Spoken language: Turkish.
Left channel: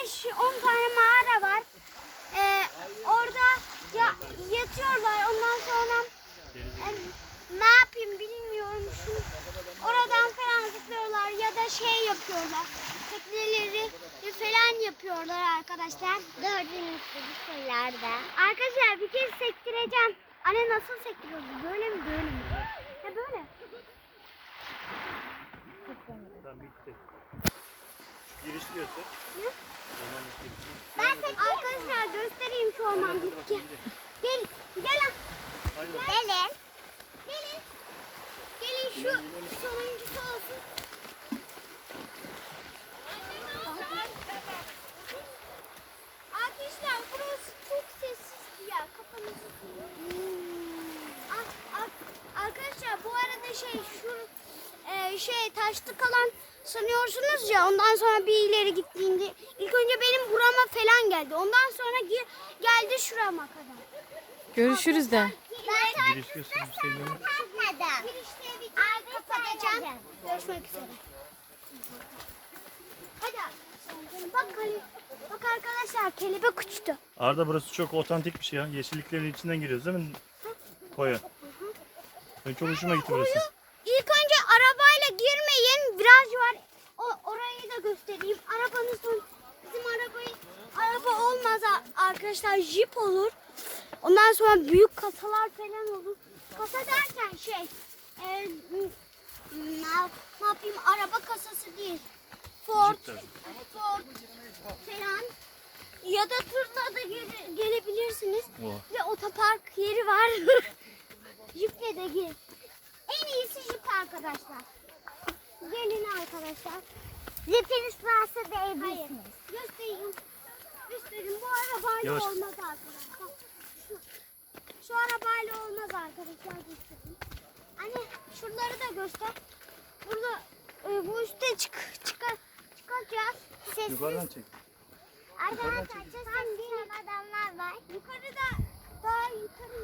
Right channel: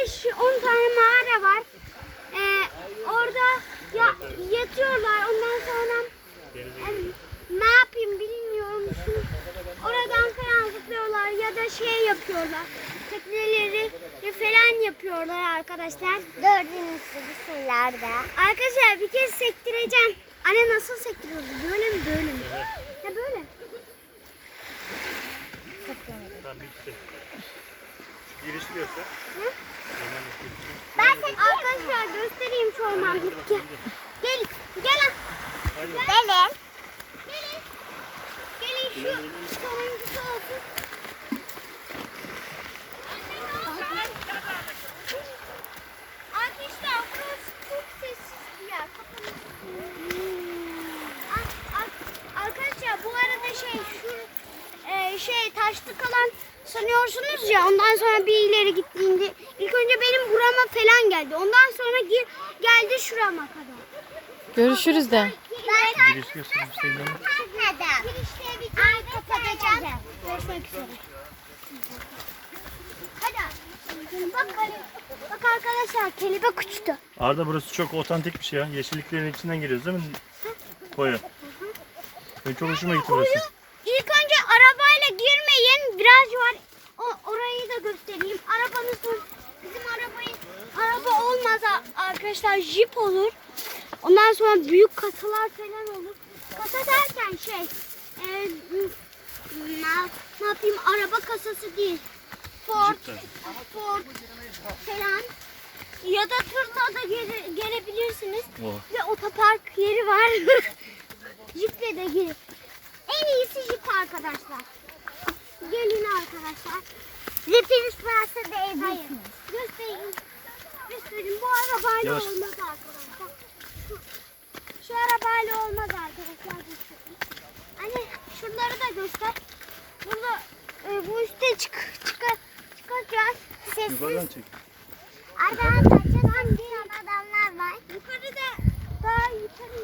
15-10 tane mağara var. Ee, orada ya, yatıyorlar. Ondan sonra yani, e, ne yapayım bilmiyorum. Oradan falan zıplıyorlar ya da şey yapıyorlar. Tekneleri falan yapıyorlar arkadaşlar. Gördüğünüz gibi şeylerde. Arkadaşlar bir kez sektireceğim. Anne nasıl sektiriyordu? Böyle mi böyle mi? Ha böyle. Tabii ki. Giriş göster. Tamam, bitti. Ben Arkadaşlar göstereyim şu orman bitti. Gel, gel. Benim. Gelin. Gelin şu sonuncusu olsun. Arkadaşlar burası çok sessiz bir yer. Kapanın. Ar- ar- Arkadaşlar bu arada şey şu e, şey taşlı kalan sanıyorsunuz ya ondan sonra bir ileri gittiğinde ilk önce benim burama falan geldi. Ondan sonra gi- geldi şurama kadar. Görüşürüz de. Ben Giriş göster. Hüseyin'den. Kapatmadım. Girişte bir tane kapatacağım. Görüşmek üzere. Hadi. Bak, bak arkadaşlar kelebek uçtu. Arda burası çok otantik bir şey ya. Yeşilliklerin içinden giriyoruz değil mi? Koya. Benim çok hoşuma gitti burası. İlk önce arabayla girmeyin. Viraj var. O, orayı da göstereyim. Arabanızın bizim arabayı araba olmaz a- arkadaşlar jip olur. Ondan sonra büyük kasalar falan olur. Kasa derken şey e, ne, ne yapayım araba kasası değil. Ford. Ford falan ya da tırla da gele- gelebilirsiniz. Oha. Ve otopark yeri var. Jiple de gir. Arkadaşlar. Gelin arkadaşlar. Zipiniz varsa da evlisiniz. Göstereyim. Göstereyim. Bu arabayla Yavaş. olmaz arkadaşlar. Şu, şu arabayla olmaz arkadaşlar. Anne şunları da göster. Burada e, bu üstte çık, çıkar, çıkacağız. Sessiz. Yukarıdan çek. Arkadaşlar çok adamlar var. Yukarıda daha yukarı